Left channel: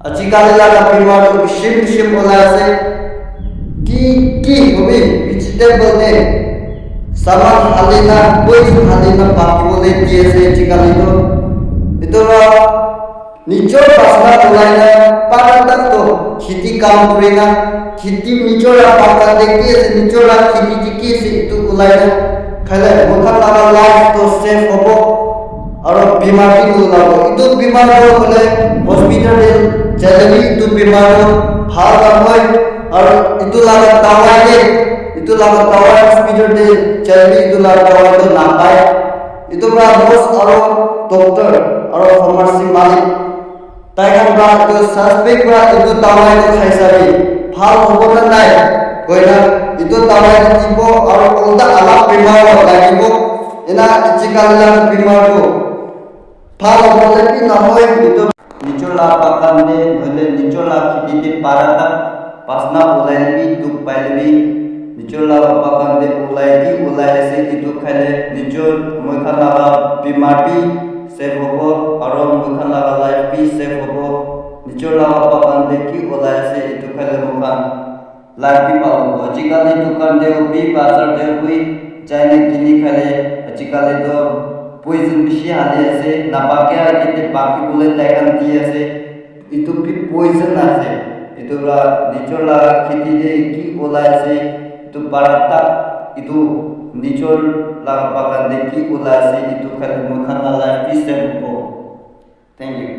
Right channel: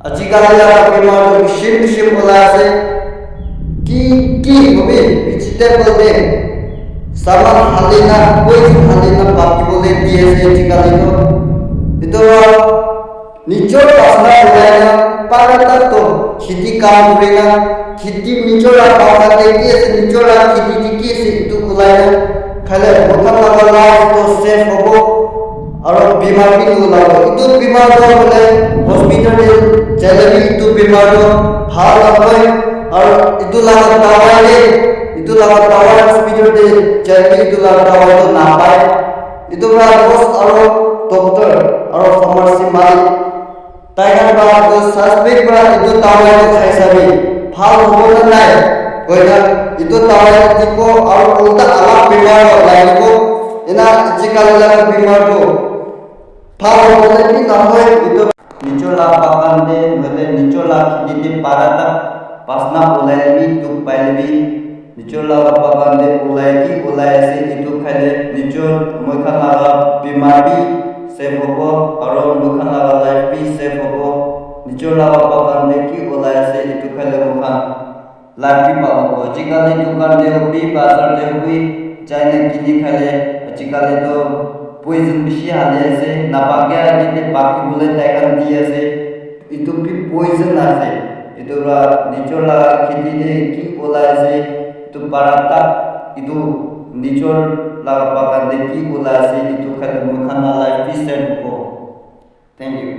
আজিকালি লাগা বেমাৰটো কিসিম কিসিম ওলাই আছে কি হবি ভেজিটেবল দে সামান হালি না পয়সা হালি না পাতিবলে দি আছে আজিকালি তো এটা নিচৰ পাছনা ওলাই না পাৰাটা তো খেতি কাম কৰি না খেতি নিচৰ পাছাতে কি আছে নিচৰ খেতি কি আছে ইটো ওলাই না খালে মোখান লাগা লাইফ তো সেফ হ'ব আৰু বেমাৰ বি নোলাব ইটো বেমাৰটো হ'লে হস্পিটালে যালেবি ইটো বেমাৰটো ভাল নহয় আৰু ইটো লাগা দাৱাই দে ইটো লাগা দাৱাই হস্পিটালে যালেবি ইটো লাগা দাৱাইটো নাপায় ইটো পৰা বস আৰু ডক্টৰ আৰু ফাৰ্মাচী মালিক তাইকান বা ইটো সাসপেক্ট বা ইটো দাৱাইটো খাই চাবি ভাল হ'ব না নাই কই না ইটো দাৱাইটো দিব আৰু উল্টা আলাপ বেমাৰ লাগিব এনা আজিকালি লাগা বেমাৰটো ভাল হ'লে কি নহয় ইটো নিচৰ লাভ পাকান্দে নহলে নিচৰ লাভ খেতিতে পাৰাটা পাছনা ওলাই লবি দুখ পাই লবি নিচৰ লাভ পাকান্দে ওলাই আছে ইটো খাইলে নিচৰ মইখান লাগা বেমাৰ বি সেফ হ'ব আৰু মইখান লাগা লাইফ বি সেফ হ'ব নিচৰ লাভ পাকান্দে কি ওলাই আছে ইটো খাইলে মইখান লাইফ বি ভাল হ'ব আজিকালি দোকান দে হবি বাজাৰ দে হবি যাইনে কিনি খাইলে আজিকালি তো পয়জন বেশি হালি আছে নাপাকে আগেতে বাকি বলে দেখান দিয়ে আছে ইটো বি পয়জন আছে ইটো নিচর লাগা খেতি দে কি ওলাই আছে ইটো পারাতা ইটো নিচর লাগা বাগান দে কি ওলাই আছে ইটো খালে মুখানা লাইফ বি সেভ হ'ব থ্যাংক ইউ